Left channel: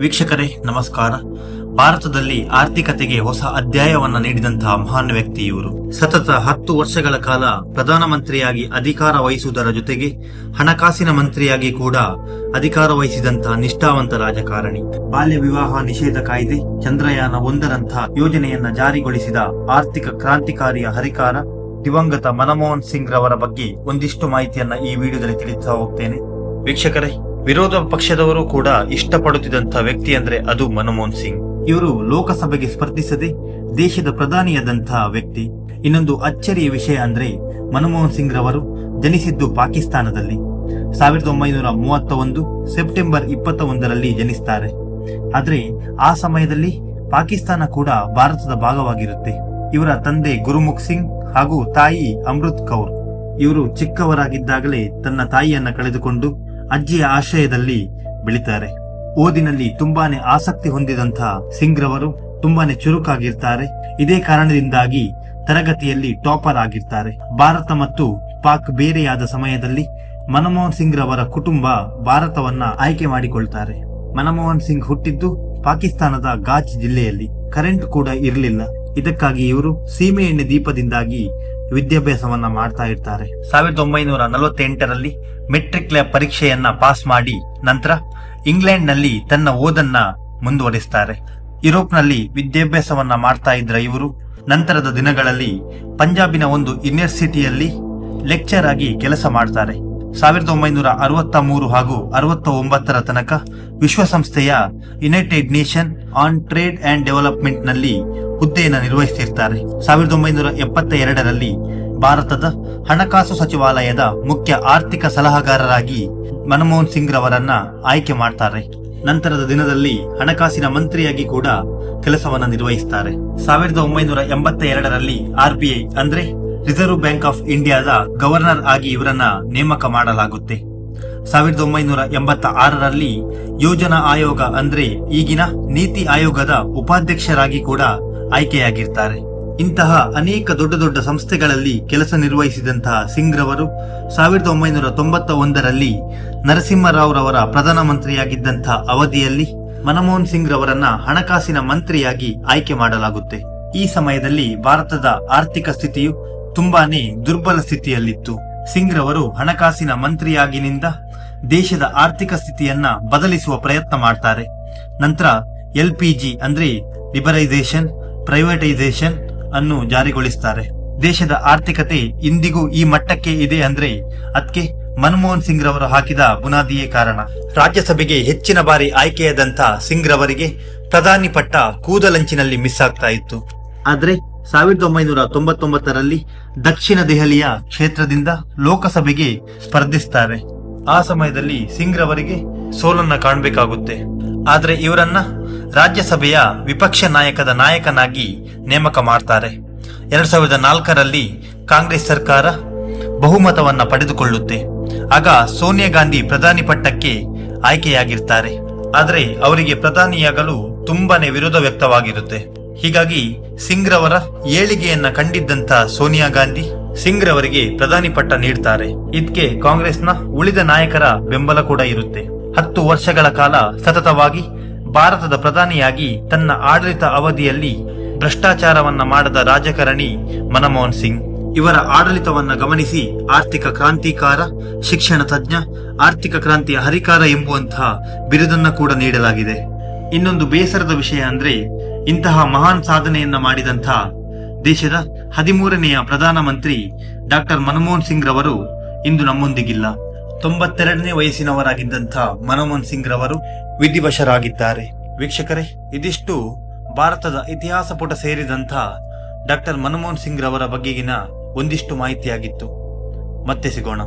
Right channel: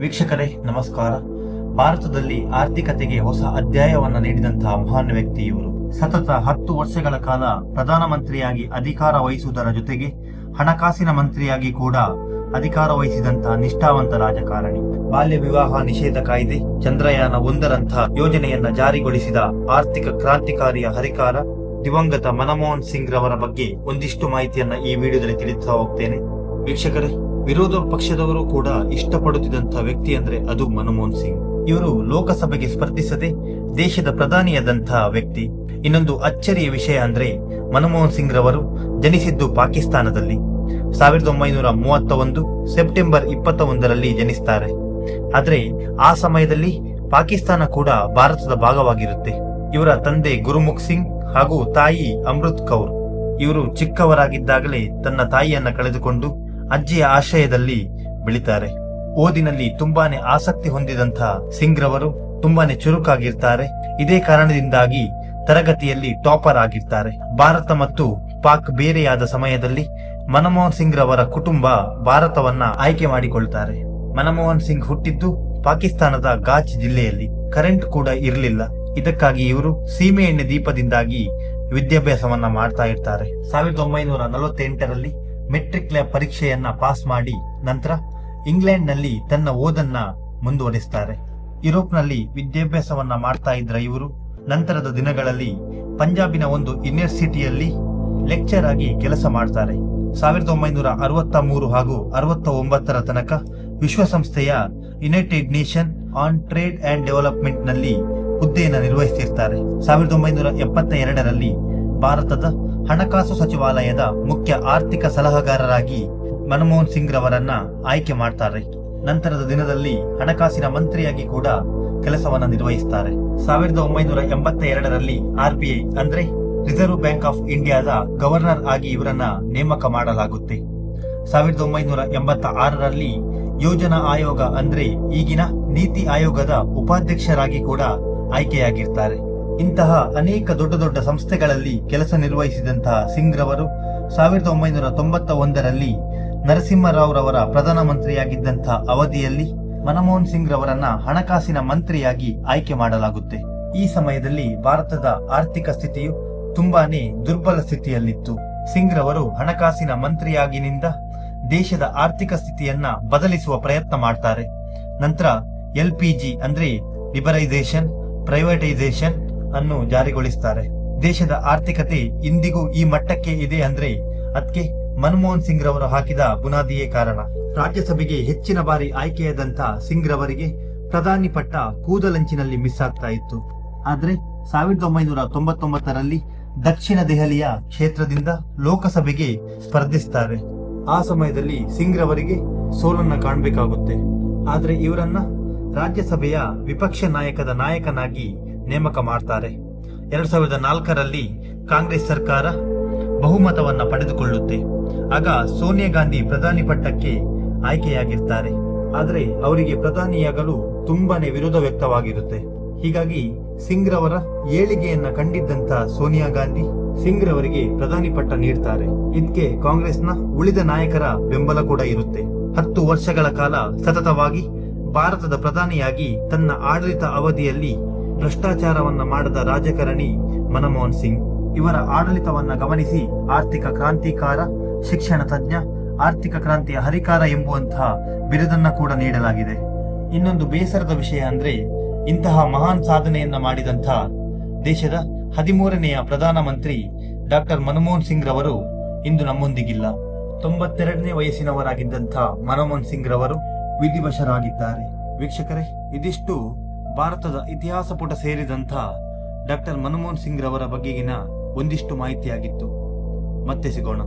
ವೀಕ್ಷಕರೇ ನಮಸ್ಕಾರ. ಭಾರತದಲ್ಲಿ ಆರ್ಥಿಕತೆಗೆ ಹೊಸ ಅಧ್ಯಾಯವನ್ನ ನೀಡಿದಂತಹ ಮಹಾನ್ ವ್ಯಕ್ತಿ ಇವರು. ಸತತ 10 ವರ್ಷಗಳ ಕಾಲ ಪ್ರಧಾನಮಂತ್ರಿಯಾಗಿ ಅಧಿಕಾರ ವಹಿಸುವುದರ ಜೊತೆಗೆ ಹಣಕಾಸಿನ ಮಂತ್ರಿಯಾಗಿ ಕೂಡ ಅಧಿಕಾರ ವಹಿಸಿದಂತಹ ನಿಷ್ಠಾವಂತ ರಾಜಕಾರಣಿ. ಬಾಲ್ಯ ವಿವಾಹ ನಿಷೇಧ ಕಾಯ್ದೆ, ಚಂದ್ರಯಾನ 1ರಂತಹ ಯೋಜನೆಯನ್ನ ಜಾರಿಗೊಳಿಸಿದ ಆರ್ಥಿಕ ಕ್ರಾಂತಿಕಾರಿಯ ಹರಿಕಾರ ದಿವಂಗತ ಮನಮೋಹನ್ ಸಿಂಗ್ ರವರ ಬಗ್ಗೆ ಒಂದಿಷ್ಟು ಮಾಹಿತಿಯನ್ನ ಈ ವಿಡಿಯೋದಲ್ಲಿ ತಿಳಿಸ್ತಾ ಹೋಗ್ತೇನೆ. ವೀಕ್ಷಕರೇ, ವಿರೋಧ ಪಕ್ಷದವರು ಕೂಡ ಇಷ್ಟಪಡುತ್ತಿದ್ದಂತಹ ವ್ಯಕ್ತಿ ಅಂದ್ರೆ ಅದು ಮನಮೋಹನ್ ಸಿಂಗ್. ಇವರು ಲೋಕಸಭೆಗೆ ಸ್ಪರ್ಧಿಸದೆ ದೇಶದ ಪ್ರಧಾನಿಯಾದಂತಹ ವ್ಯಕ್ತಿ. ಇನ್ನೊಂದು ಅಚ್ಚರಿಯ ವಿಷಯ ಅಂದ್ರೆ ಮನಮೋಹನ್ ಸಿಂಗ್ ರವರು ಜನಿಸಿದ್ದು ಪಾಕಿಸ್ತಾನದಲ್ಲಿ 1931 ಸೆಪ್ಟೆಂಬರ್ 21ರಲ್ಲಿ ಜನಿಸ್ತಾರೆ. ಆದ್ರೆ ಆ ಸಮಯದಲ್ಲಿ ಪಾಕಿಸ್ತಾನ ಕೂಡ ಭಾರತದ ಭಾಗವಾಗಿರುತ್ತೆ. ಇವರ ತಂದೆ ಗುರುಮುಖ್ ಸಿಂಗ್ ಹಾಗೂ ತಾಯಿ ಅಮೃತ್ ಕೌರ್. ಇವರು ಚಿಕ್ಕವರಾಗಿದ್ದಾಗಲೇ ತನ್ನ ತಾಯಿಯನ್ನ ಕಳೆದುಕೊಂಡು ಅಜ್ಜಿಯ ಆಶ್ರಯದಲ್ಲಿ ಬೆಳಿತಾರೆ. ಓದಿನಲ್ಲಿ ತುಂಬಾನೇ ಆಸಕ್ತಿ ಹೊಂದಿದಂತಹ ಸಿಂಗ್ ರವರು ತುಂಬಾನೇ ಚುರುಕಾಗಿರ್ತಾರೆ. ಇದೇ ಕಾರಣದಿಂದಾಗಿ ತರಗತಿಯಲ್ಲಿ ಟಾಪರ್ ಆಗಿರ್ತಾರೆ. ಭಾರತ ಮತ್ತು ಪಾಕ್ ಬೇರೆಯಾದ ಸಮಯದಲ್ಲಿ ಮನಮೋಹನ್ ಸಿಂಗ್ ರವರ ಕುಟುಂಬ ಭಾರತವನ್ನ ಆಯ್ಕೆ ಮಾಡಿಕೊಳ್ತಾರೆ. ಮನಮೋಹನ್ ಸಿಂಗ್ ಹುಟ್ಟಿದ್ದು ಪಾಕಿಸ್ತಾನದ ಗಾಚ್ ಜಿಲ್ಲೆಯಲ್ಲಿ. ಕರೆಂಟ್ ಕೂಡ ಇರಲಿಲ್ಲ. ಇದಕ್ಕಾಗಿ ಇವರು ಸೀಮೆ ಎಣ್ಣೆ ದೀಪದಿಂದಾಗಿ ವಿದ್ಯಾಭ್ಯಾಸವನ್ನ ಮಾಡ್ತಾ ಇರ್ತಾರೆ. 1948ರಲ್ಲಿ ಮೆಟ್ರಿಕ್ ಪರೀಕ್ಷೆಯನ್ನ ಪಾಸ್ ಮಾಡಿ ನಂತರ ಇಂಗ್ಲೆಂಡ್ ನಲ್ಲಿ ತನ್ನ ಓದನ್ನ ಮುಂದುವರಿಸ್ತಾರೆ. ಯುರೋಪ್ನಲ್ಲಿ ವಿದ್ಯಾಭ್ಯಾಸವನ್ನ ಮಾಡ್ತಾ ಇದ್ರ ಇವರು ನಂತರದ ದಿನಗಳಲ್ಲಿ ಪಂಜಾಬಿನ ಒಂದು ಯೂನಿವರ್ಸಿಟಿಯಲ್ಲಿ ಲೆಕ್ಚರ್ ಆಗಿ ಕೆಲಸ ಮಾಡ್ತಾರೆ. 1963 ಹಾಗೂ 69ರ ತನಕ ವಿಶ್ವಸಂಸ್ಥೆಯ United nation on trade and development ನಲ್ಲಿ ಹುದ್ದೆಯನ್ನು ನಿರ್ವಹಿಸಿರ್ತಾರೆ. 1972ರಲ್ಲಿ ಭಾರತದ ಹಣಕಾಸು ಸಚಿವಾಲಯದ ಮುಖ್ಯ ಆರ್ಥಿಕ ಸಲಹಾಗಾರರಾಗಿ ಮನಮೋಹನ್ ಸಿಂಗ್ ರವರನ್ನ ಆಯ್ಕೆ ಮಾಡ್ತಾರೆ. ನಂತರದ ದಿನದಲ್ಲಿ ಹಣಕಾಸಿನ ಮಂತ್ರಿಯಾಗಿ ಕೂಡ ಕೆಲಸವನ್ನ ನಿರ್ವಹಿಸ್ತಾರೆ. 1982ರಲ್ಲಿ RBI ಅಂದ್ರೆ ರಿಸರ್ವ್ ಬ್ಯಾಂಕ್ ಆಫ್ ಇಂಡಿಯಾದ ಗವರ್ನರ್ ಆಗಿ ಇವರನ್ನ ನೇಮಕ ಮಾಡಲಾಗುತ್ತೆ. 1986ರಲ್ಲಿ ಯೋಜನಾ ಆಯೋಗ ಅಂದ್ರೆ ಈಗಿನ ನೀತಿ ಆಯೋಗದ ಉಪಾಧ್ಯಕ್ಷರಾಗಿ ಕೂಡ ಆಯ್ಕೆಯಾಗಿರ್ತಾರೆ. ಇಂತಹ ಅನೇಕ ದೊಡ್ಡ ದೊಡ್ಡ ಸಂಸ್ಥೆಗಳಲ್ಲಿ ಕೆಲಸ ನಿರ್ವಹಿಸಿದಂತಹ ಸಿಂಗ್ ರವರು 1991ರಲ್ಲಿ ನರಸಿಂಹರಾವ್ ರವರ ಪ್ರಧಾನಮಂತ್ರಿಯಾಗಿದ್ದಂತಹ ಅವಧಿಯಲ್ಲಿ ಮನಮೋಹನ್ ಸಿಂಗ್ ರವರನ್ನ ಹಣಕಾಸಿನ ಮಂತ್ರಿಯಾಗಿ ಆಯ್ಕೆ ಮಾಡಲಾಗುತ್ತೆ. ಈ ಸಮಯದಲ್ಲಿ ಭಾರತದ ಆರ್ಥಿಕ ಸ್ಥಿತಿಯು ತುಂಬಾನೇ ದುರ್ಬಲ ಸ್ಥಿತಿಯಲ್ಲಿತ್ತು. ಸಿಂಗ್ ರವರು ಹಣಕಾಸಿನ ಮಂತ್ರಿಯಾಗಿನಿಂದ ದೇಶದ ಆರ್ಥಿಕ ಸ್ಥಿತಿಯನ್ನ ಬದಲಿಸುವ ಪ್ರಯತ್ನ ಮಾಡ್ತಾರೆ. ನಂತರ LPG ಅಂದ್ರೆ ಲಿಬರೈಸೇಷನ್, ಪ್ರೈವೇಟೈಸೇಷನ್ ಅನ್ನು ಜಾರಿಗೊಳಿಸ್ತಾರೆ. ದೇಶದ ಆರ್ಥಿಕತೆ ಇಂದಿಗೂ ಈ ಮಟ್ಟಕ್ಕೆ ಇದೆ ಅಂದ್ರೆ ಅದಕ್ಕೆ ಮನಮೋಹನ್ ಸಿಂಗ್ ರವರು ಹಾಕಿದ ಬುನಾದಿಯೇ ಕಾರಣ. ರಾಜ್ಯಸಭೆಗೆ ಹೆಚ್ಚಿನ ಬಾರಿ ಆಯ್ಕೆಯಾದಂತ ಸಿಂಗ್ ರವರಿಗೆ ಪ್ರಧಾನಿ ಪಟ್ಟ ಕೂದಲಂಚಿನಲ್ಲಿ ಮಿಸ್ ಆಗ್ತಾ ಇತ್ತು. ಆದ್ರೆ 1999ರಲ್ಲಿ ದಕ್ಷಿಣ ದೆಹಲಿಯ ಕ್ಷೇತ್ರದಿಂದ ಲೋಕಸಭೆಗೆ ಸ್ಪರ್ಧಿಸ್ತಾರೆ. ಆ ಸಮಯದಲ್ಲಿ ಸಿಂಗ್ ರವರಿಗೆ ಸೋಲನ್ನ ಕಾಣಬೇಕಾಗುತ್ತೆ. ಆದ್ರೆ ಇವರನ್ನ ರಾಜ್ಯಸಭೆಯ ವಿಪಕ್ಷ ನಾಯಕದ ನಾಯಕನಾಗಿ ನೇಮಕ ಮಾಡ್ತಾರೆ. 2004ರಲ್ಲಿ ಕಾಂಗ್ರೆಸ್ ಸರ್ಕಾರ ಬಹುಮತವನ್ನ ಪಡೆದುಕೊಳ್ಳುತ್ತೆ. ಆಗ ಸೋನಿಯಾ ಗಾಂಧಿ ಪ್ರಧಾನಿ ಪಟ್ಟಕ್ಕೆ ಆಯ್ಕೆಯಾಗಿರ್ತಾರೆ. ಆದ್ರೆ ಅವರಿಗೆ ಪ್ರಧಾನಿಯಾಗಲು ತುಂಬಾನೇ ವಿರೋಧ ವ್ಯಕ್ತವಾಗಿರುತ್ತೆ. ಹೀಗಾಗಿ ಸಿಂಗ್ ರವರ ಏಳಿಗೆಯನ್ನ ಕಂಡಿದ್ದಂತ ಸೋನಿಯಾ ಗಾಂಧಿ ಸಿಂಗ್ ರವರಿಗೆ ಪ್ರಧಾನಿ ಪಟ್ಟ ನೀಡ್ತಾರೆ. ಇದಕ್ಕೆ ಕಾಂಗ್ರೆಸ್ನ ಉಳಿದ ನಾಯಕರ ಬೆಂಬಲ ಕೂಡ ಇರುತ್ತೆ. 10 ವರ್ಷಗಳ ಕಾಲ ಸತತವಾಗಿ ಭಾರತದ ಪ್ರಧಾನಿಯಾಗಿ ತನ್ನ ಆಡಳಿತ ಅವಧಿಯಲ್ಲಿ ಭ್ರಷ್ಟಾಚಾರವನ್ನ ಮಾಡದ ರಾಜಕಾರಣಿ ಮನಮೋಹನ್ ಸಿಂಗ್. ಇವರ ಆಡಳಿತವನ್ನ ಗಮನಿಸಿ ಆರ್ಥಿಕ ಕ್ರಾಂತಿಕಾರ, ಶಿಕ್ಷಣ ತಜ್ಞ, ಆರ್ಥಿಕ ಕ್ರಾಂತಿಯ ಹರಿಕಾರ ಎಂಬುವಂತಹ ಬಿರುದನ್ನ ಕೂಡ ನೀಡಲಾಗಿದೆ. ಇನ್ನೊಂದು ಬೇಸರದ ವಿಷಯ ಅಂದ್ರೆ ಇಂತಹ ಮಹಾನ್ ಸಾಧನೆಯನ್ನ ಮಾಡಿದಂತಹ ದೇಶದ 13ನೆಯ ಪ್ರಧಾನಮಂತ್ರಿ ಡಾಕ್ಟರ್ ಮನಮೋಹನ್ ಸಿಂಗ್ ರವರು ಇಂದು ನಮ್ಮೊಂದಿಗಿಲ್ಲ. 92ನೇ ವಯಸ್ಸಿನವರಾಗಿದ್ದಂಥ ಮನಮೋಹನ್ ಸಿಂಗ್ ರವರು ವಿಧಿವಶರಾಗಿದ್ದಾರೆ. ವೀಕ್ಷಕರೇ, ಇದಿಷ್ಟು ಭಾರತದ ಇತಿಹಾಸ ಪುಟ ಸೇರಿದಂಥ ಡಾಕ್ಟರ್ ಮನಮೋಹನ್ ಸಿಂಗ್ ರವರ ಬಗೆಗಿನ ಒಂದಿಷ್ಟು ಮಾಹಿತಿಯಾಗಿತ್ತು. ಮತ್ತೆ ಸಿಗೋಣ.